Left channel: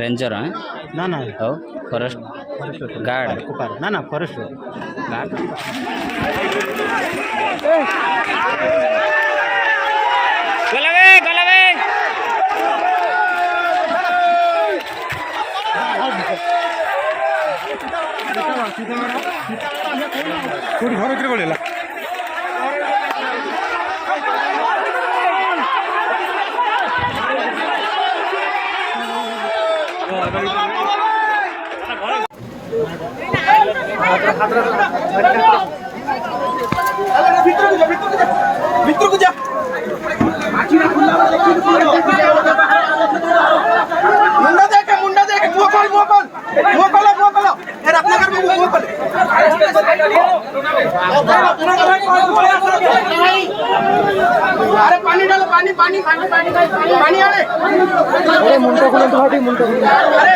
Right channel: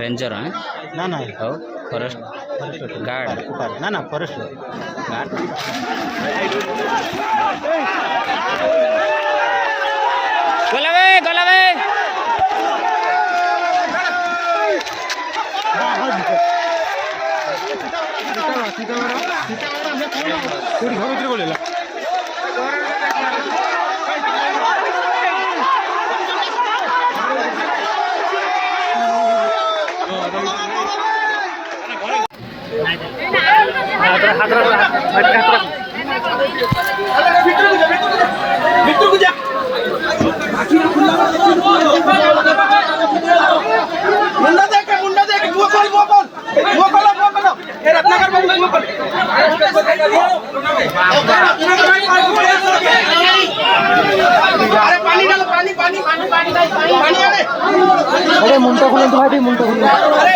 ranger है ना ना और फॉरेस्ट गार्ड ना ना फॉरेस्ट गार्ड गलवे मुंडा देख मोकल ए रत्नाकर बाबू मोकल अरे पानी डालो पानी आने अरे मुंडा खुले तो मुंडा खुले अरे